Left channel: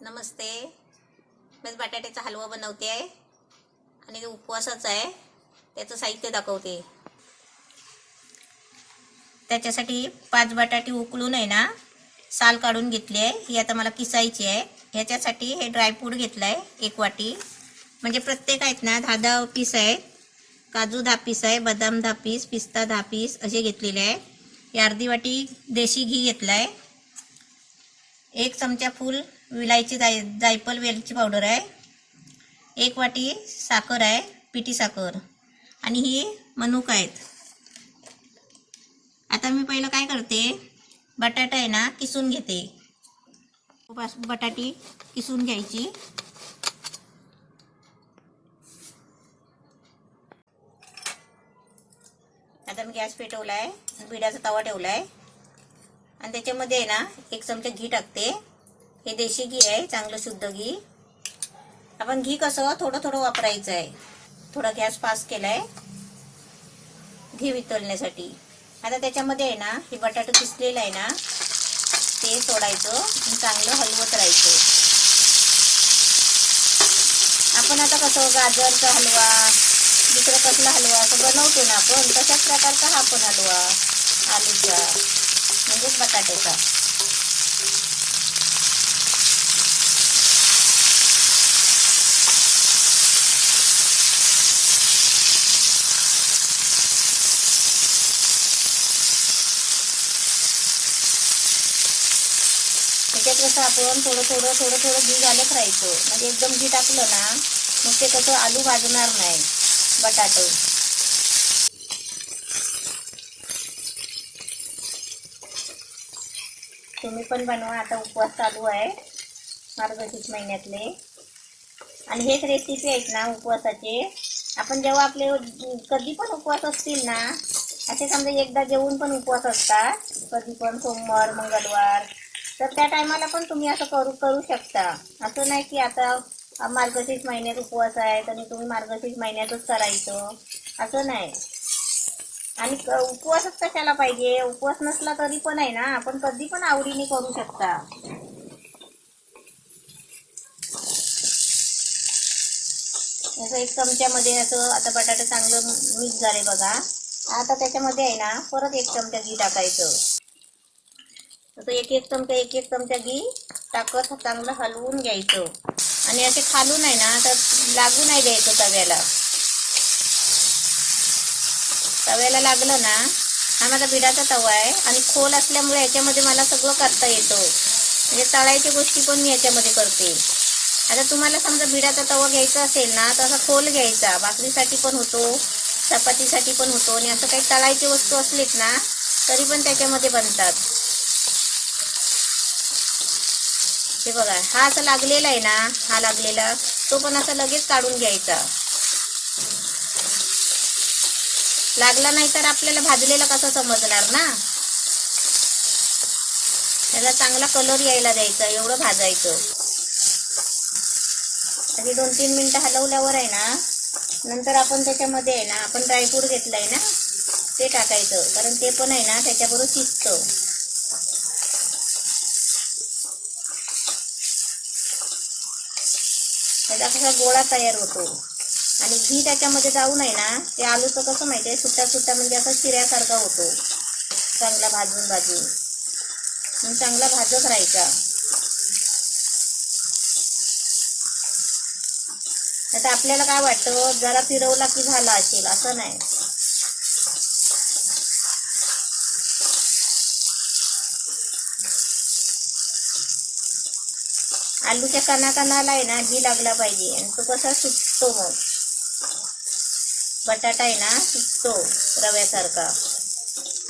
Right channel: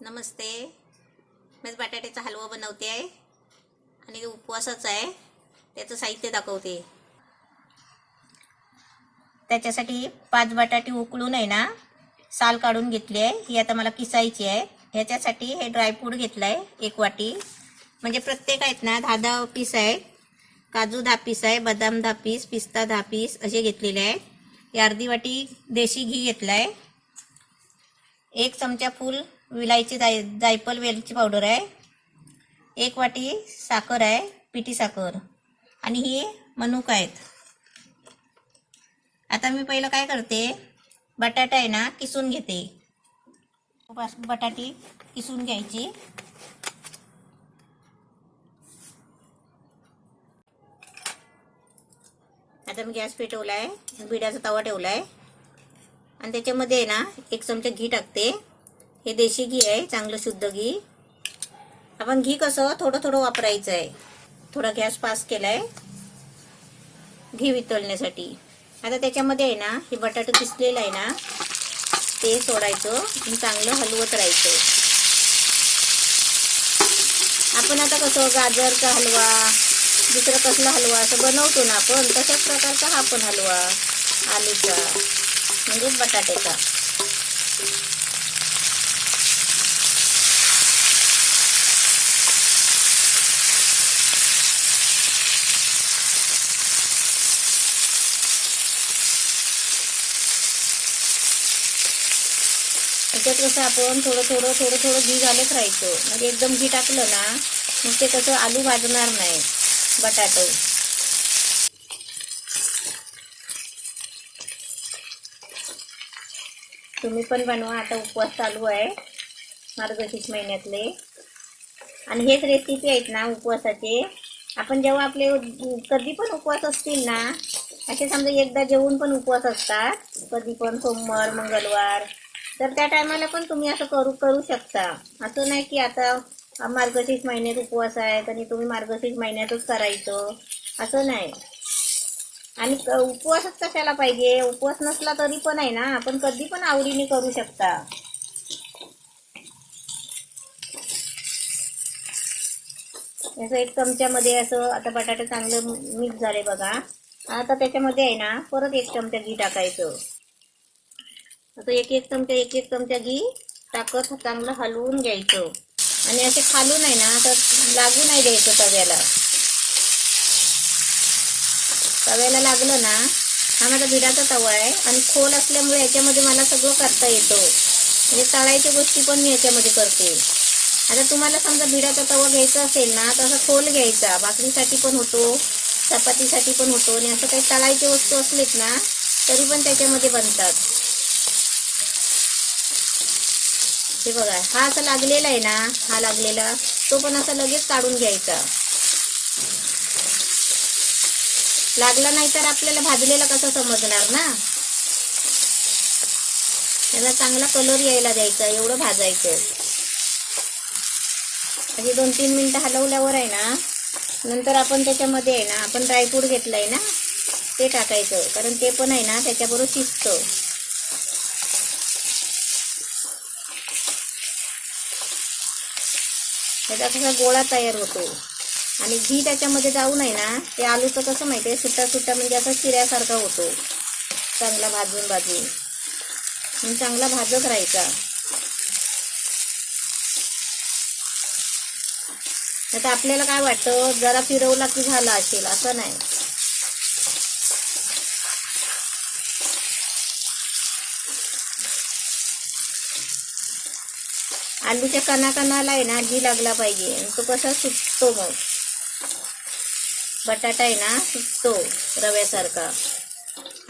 नमस्ते. मी बटाट्याचा हलवा बनवते आहे आणि उपवासाचा आहे. त्याचं साहित्य दाखवते. त्याच्यासाठी 5 बटाटे उकळून आहे ना साल काढून घेतली आहे. ही आता मला किसायची आहे. ह्याच्यासाठी हे ड्रायफ्रूट घेतलं आहे 1 वाटी. म्हणजे प्रत्येक आहेत ना 10-10 पीस आहे. काजू 10 पीस आहे, बदाम 10 पीस, पिस्ता 10 पीस असे घेतलेले आहे. ही अर्धी वाटी देशी घी घेतला आहे. 1 चमचा फुल विलायची जायफळ वेलची पावडर आहे. 1 वाटी साखर आहे, पिठी साखर, आणि ही मनुका आहेत. आता मी पहिलं काय करते, बटाटा आहे ना किसून घेते. बटाटी किसून घ्यायची. आता मी गॅस पेटवलाय, बिड्याचा तवा ठेवलाय आणि त्याच्यामध्ये आहे ना 1 चमचा घी टाकते. हे देशी घी आहे, चांगलं शुद्ध घी. आपण घी कसं थोडं थोडं वापरायचं आहे. थोडा गॅस फास्ट केलाय घी वितळण्यासाठी. आता त्याच्यामध्ये आहे ना हे बटाटा किसलेलं आहे ना ते सोडायचं आणि चांगलं हलवत राहायचं. आपण आता कसं गाजरचा हलवा, दुसरा कसला हलवा असं बनवतो ना आपण, तशाच प्रकारचा हा पण हलवा आलूचा म्हणजे बटाट्याचा. त्याच्यात कसं आपण थोडं थोडं घी घालत राहायचं. म्हणजे एकदम घी टाकलं ना मग ते कसं आलू भाजणार नाही, बटाटे. तुम्ही पण बनवा. आता उपवास चालू आहे मार्गशीर्ष महिन्यातले, आणि हेच रेसिपी आहेत ना उपवासाचे. आपण जेव्हा आपले कधी पण उपवास असतील ना, असे समजा एकदा जेवून पण उपवास असतात, कधी पण सोमवार मंगळवार, तर त्या टायमाला पण तुम्ही असं करू शकता. असं नाही की आता मार्गशीर्ष महिन्यात उपवास आहे आणि तुम्ही मार्गशीर्ष महिन्यातच करायचं, असं नाही. आणि उपवासच कशाला पाहिजे, उपवास नसला तरी पण आहे ना आपण कधी पण आवडीने करू शकता. असं 1 चमच्यामध्ये असं आता बटाटे चांगलं मिक्स झाले बघा. आता त्याच्यामध्ये आहे ना परत 1 चमचा घी टाकायचं. असं एक चमचा घी टाकत चांगलं हलवून घ्यायचं. आणि असे खालून आहे ना तर लागू नाही द्यायचं तव्याला. तव्याला लागलं ना, हा माझा बिडाचा तवा आहे आणि खोल असल्यामुळे याच्यामध्ये मला सगळं करता येतं. म्हणजे तळायच्या गोष्टी पण मी याच्यामध्ये करते. आता तुम्हाला समजा बिडाचा तवा घ्यायचा असेल ना तर असा खोल घ्यायचा. भाकरीसाठी पण होतो, चपातीसाठी पण होतो, आणि असं काही तळायची वस्तू असलीत ना तरी पण त्याच्यामध्ये बनतात. हे बघा, हा असं लागलेला आहे ना, हा लागलेला तो पण असा लगेच काढून घ्यायचा. लागला नाही तर आपल्याला भाजलेला कसं समजणार ना. त्याला चांगला कलर यायला द्यायचा, एवढं भाजायचं. म्हणजे 2-3 मिनिटं हलवल्यावर आहे ना, नंतर आपण त्याच्यामध्ये आहे ना आपण ड्रायफ्रूट घेतलंय ना ते टाकायचं, कारण ते पण आहे ना त्याच्याबरोबर शिजतं. त्याचा कसा गोळा तयार होतो. आणि घी त्याच्यामध्ये जाऊन आहे ना ते आलूचं कसं माहिती आहे, सुट्टा म्हणजे असं शिऱ्यासारखा होतो. चांगला भाजून आणि चांगला भाजत राहायचा. आता आपल्याला काय वाटतं, जरा फिरवला की झाला असेल, असं नाही. आलूच्या कणाकणाला आहे ना घी लागला पाहिजे, आणि तो कसा सुटतो. मग बटाटा आहे ना सुटतो रव्यासारखा.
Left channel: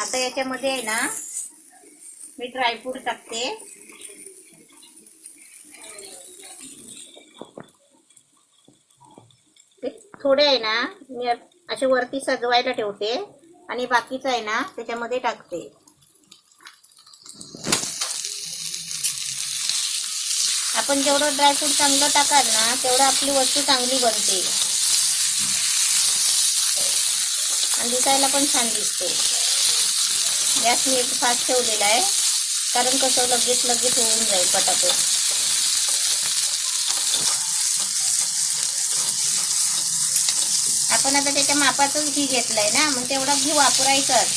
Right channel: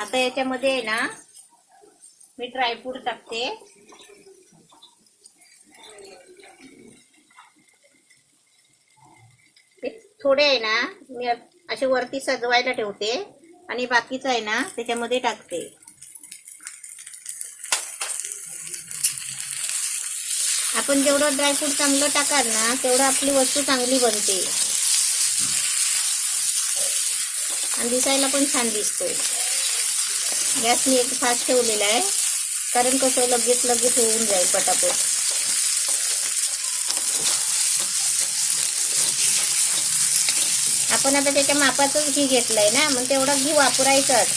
आता याच्यामध्ये आहे ना मी ड्रायफ्रूट टाकते. थोडे आहे ना मी असे वरती सजवायला ठेवते आणि बाकीचं आहे ना त्याच्यामध्ये टाकते. आपण जेवढं ड्रायफ्रूट चांगलं टाकाल ना तेवढं आपली वस्तू चांगली बनते आणि दिसायला पण छान दिसते. गॅस मी फास्ट ठेवलेला आहे, कारण कसं लगेच होऊन जाईल पटापट. आपण आता त्याच्या मापाचंच घी घेतलंय ना, मग तेवढं घी वापरायचंच,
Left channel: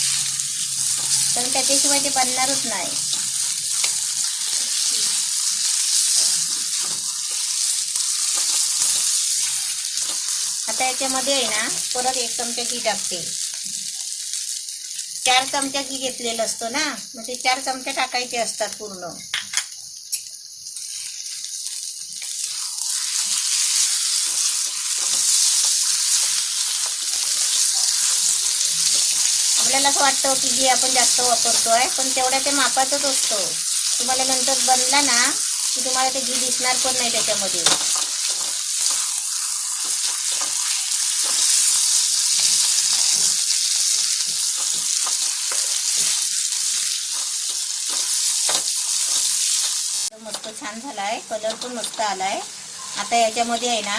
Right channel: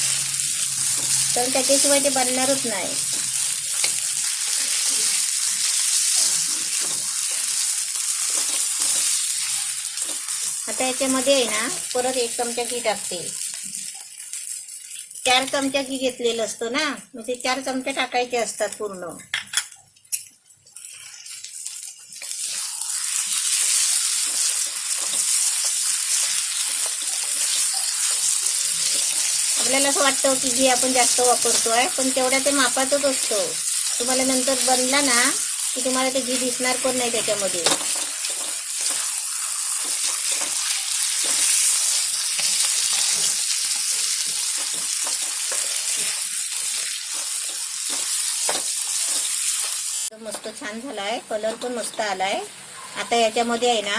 तर त्याच्याशिवाय ते बनणारच नाही. आता याच्यामध्ये आहे ना परत 1 चमचा घी टाकते. 4 चमचा घी घेतलेलं असतं ना, मग ते 4 चमचे टाकायचे असतात पूर्ण. आपल्याला असं वाटतं की घी आपण जास्त वापरतोय, पण तेवढ्या ते मापातच असतो. तुम्हाला नंतर बनला ना की तुम्हाला ते घी दिसणार पण नाही त्याच्यामध्ये. मस्त छान झालाय, कलर पण मस्त आलाय. आता याच्यामध्ये आहे ना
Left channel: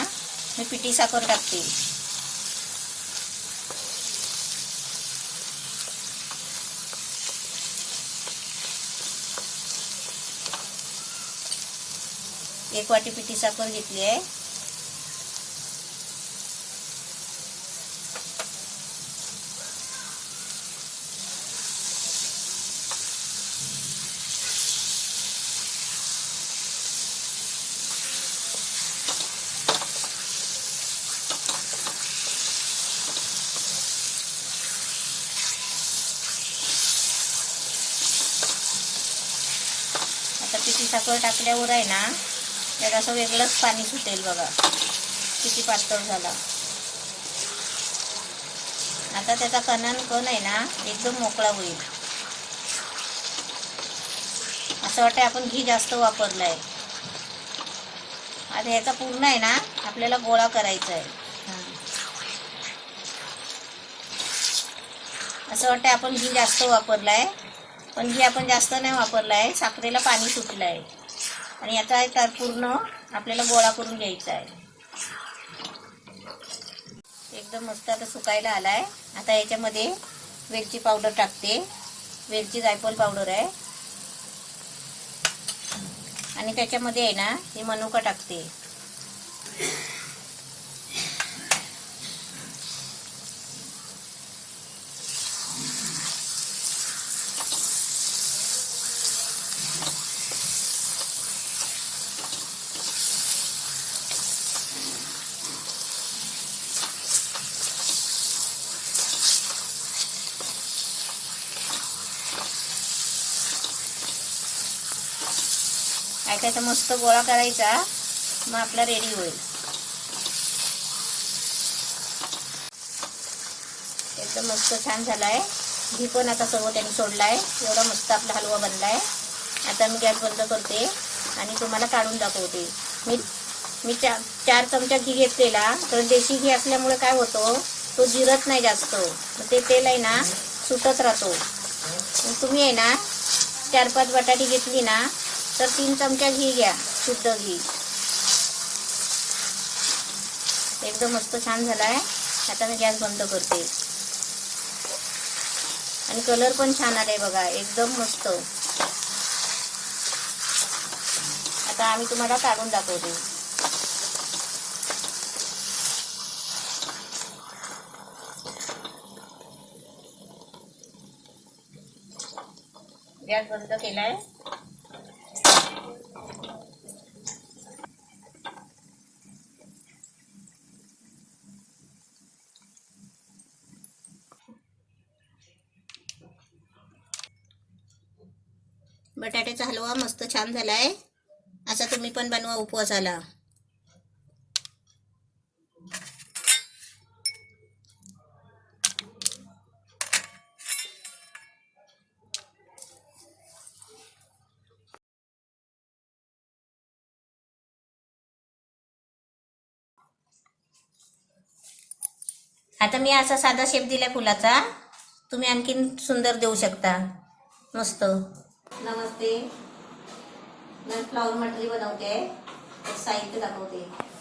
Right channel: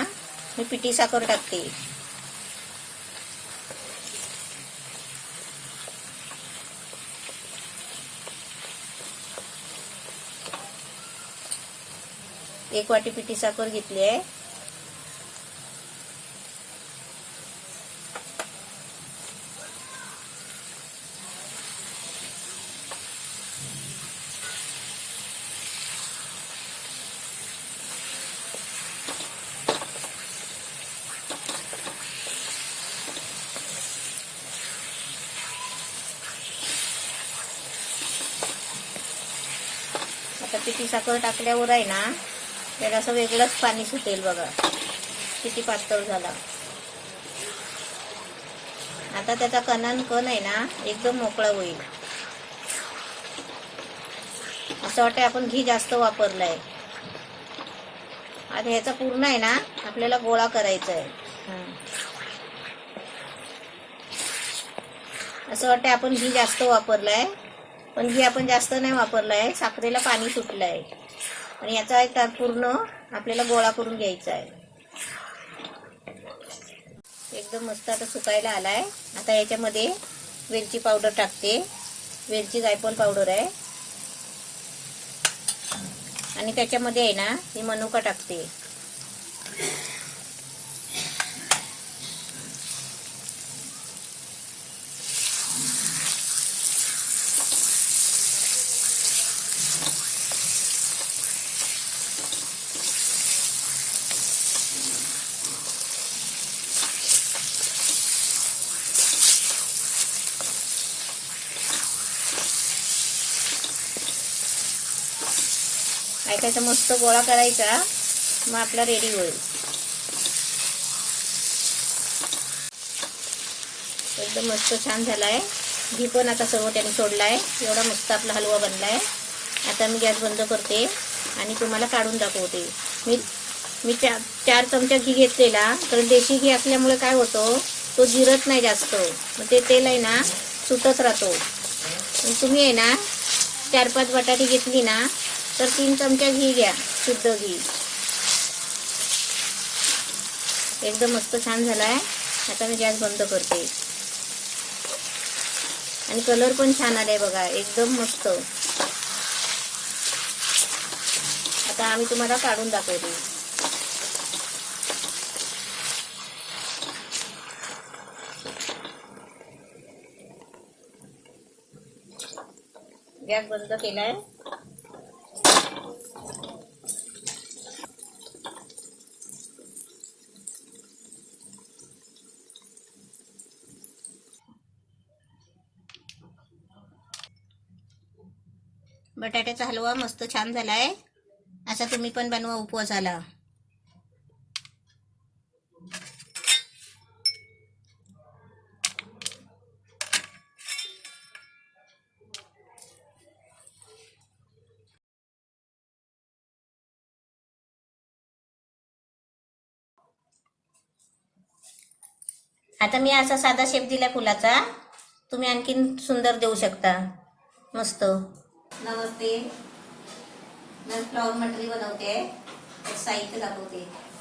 मी पिठी साखर टाकते. एक वाटी पिठी साखर घेतली आहे. आता पिठी साखर टाकल्यावर आहे ना त्याला असं वेगळंच पाणी सुटेल बघा, किती पातळ झाला. आता त्याचा कण आहे ना एकदम मोकळा होईल. असं वाटतं आपण घी जास्त वापरलाय. आता याचा पूर्ण आहे ना आपल्याला गोळा करायचा आहे. असं वाटतं आपण घी जास्त वापरलाय, पण घी आपण जास्त नाही वापरलाय, साखरेला पाणी सुटलंय. आणि याचा एक पूर्ण आपल्याला गोळा करून घ्यायचा आहे. एकदम मस्त आता सुकायला आलाय. आता याच्यामध्ये वेलची पावडर टाकते. वेलची जायफळ पावडर आहे. आणि त्याच्यामध्ये आहे ना हे मनुका टाकते. त्याचा मस्त गोळा करायचा, मग आपला रेडी होईल. एकदम मस्त छान झालाय. घी पण आता सर्व त्यांनी सोडलाय. एवढा मस्त आपला हलवा बनलाय. आता मी गॅस बंद करते आणि तुम्हाला काढून दाखवते. मी 4 चमचा घी घेतलेला, कारण देशी घी असल्यामुळे काय होतं तो जिरत नाही जास्त, मग ते तेल आहे ना सुटत राहतो. तुम्ही आहे ना 4-5 बटाटी घेतली ना तर 3 चमचा घी घ्या, शुद्ध घी. एकदम मस्त छान झालाय. आता मी गॅस बंद करते. आणि कलर पण छान आलाय बघा, एकदम मस्त. आता आम्ही तुम्हाला काढून दाखवते. गॅस बंद केलाय. बटाट्याचा हलवा मस्त छान झालाय. असा तुम्ही पण बनवा उपवासाला. आता मी असा साधा शेप दिलाय फुलाचा, तुम्ही आणखीन सुंदर देऊ शकता. मस्त. नमस्ते. मैं फ्लावर मटरी बनवते, साहित्य दाखवते.